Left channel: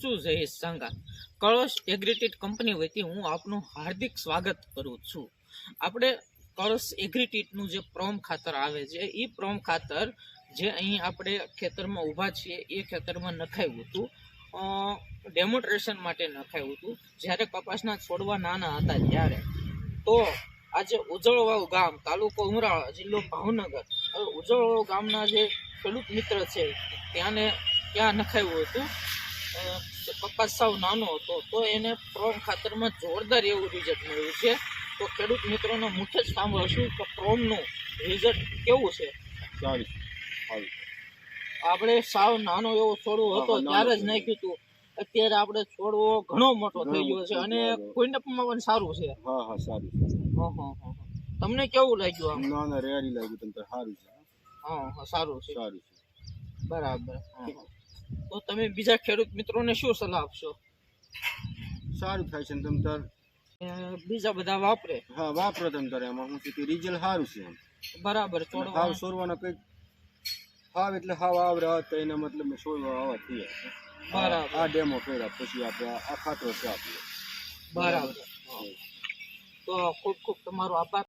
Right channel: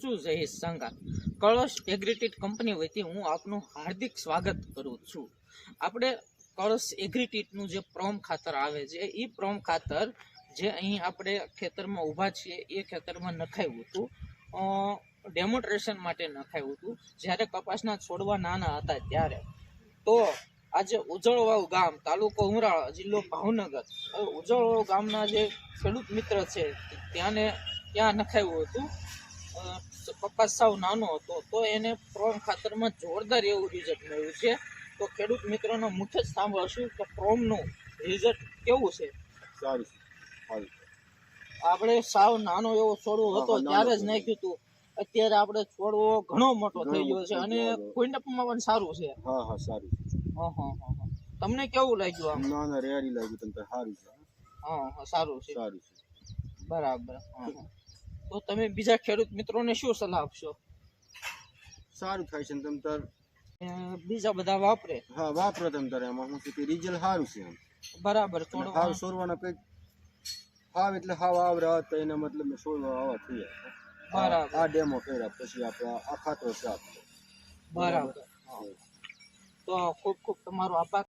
છું જયેશ સાંગા. કળશ એગ્રીટેડ કંપની વતી હું આપનું હાર્દિક સ્વાગત કરું છું. આપણે કળશ એગ્રીટેડનું જે પ્રોમ ખાતર આવે છે એ પ્રોમ ખાતર જે અહીં આપણે ખેતરમાં ઊભા છીએ, એ ખેતરમાં નખાયું હતું. ડેમોન્સ્ટ્રેશન માટે નખાયું હતું. જ્યારે કપાસના છોડવા નાના હતા ત્યારે. તો આજે ઉજળવાવ ગામ, તાલુકો ઉમરાળા, જિલ્લો ભાવનગર. ઉજળવાવ ગામના જે ખેડૂત મિત્ર છે, ત્યાંને ત્યાં નખાયું હતું. કપાસ સાવ નાનો હતો તો એને પ્રોમ ખાતરમાં જોરદાર એવું રિઝલ્ટ મળ્યું છે. તો ખેડૂત મિત્રોનો મુખ્ય જ સાંભળશું કે પ્રોમનું રિઝલ્ટ કેવું છે. સારી સારું આપણે સાવ નાનો એવો છોડવો હતો ત્યારે જ નાખ્યું હતું. અત્યારે આપણે છોડવો ઘણો મોટો થઈ ગયો છે અને. કોઈનામાં પણ સારું છે. હા હા સારું હા હા હા હા. તમને કેવું લાગ્યું આમ? ના ના રેડી લાગ્યું તમને સારું છે. હા હા સારું છે. સારું છે. બરાબર. હા, હા. તો તમે બીજા ખેડૂત મિત્રોને શું સલાહ આપશો? સારું થાય છે ને તમ તાર. બીજા બધા વાપરે. હા વાપરો તમ તારે એમાં. હું કે રિઝલ્ટ સારું છે એમ. બરાબર હાવ સોરવાના કંઈક હાવ એટલે હાવ આવરે આવત એના મતલબ સોરવા આવા થઈ બરાબર. આ ડેમો કર્યા પછી આપણે આ ખાતરો છે આપણે બરાબર. તો ખૂબ ખૂબ તમારો આભાર.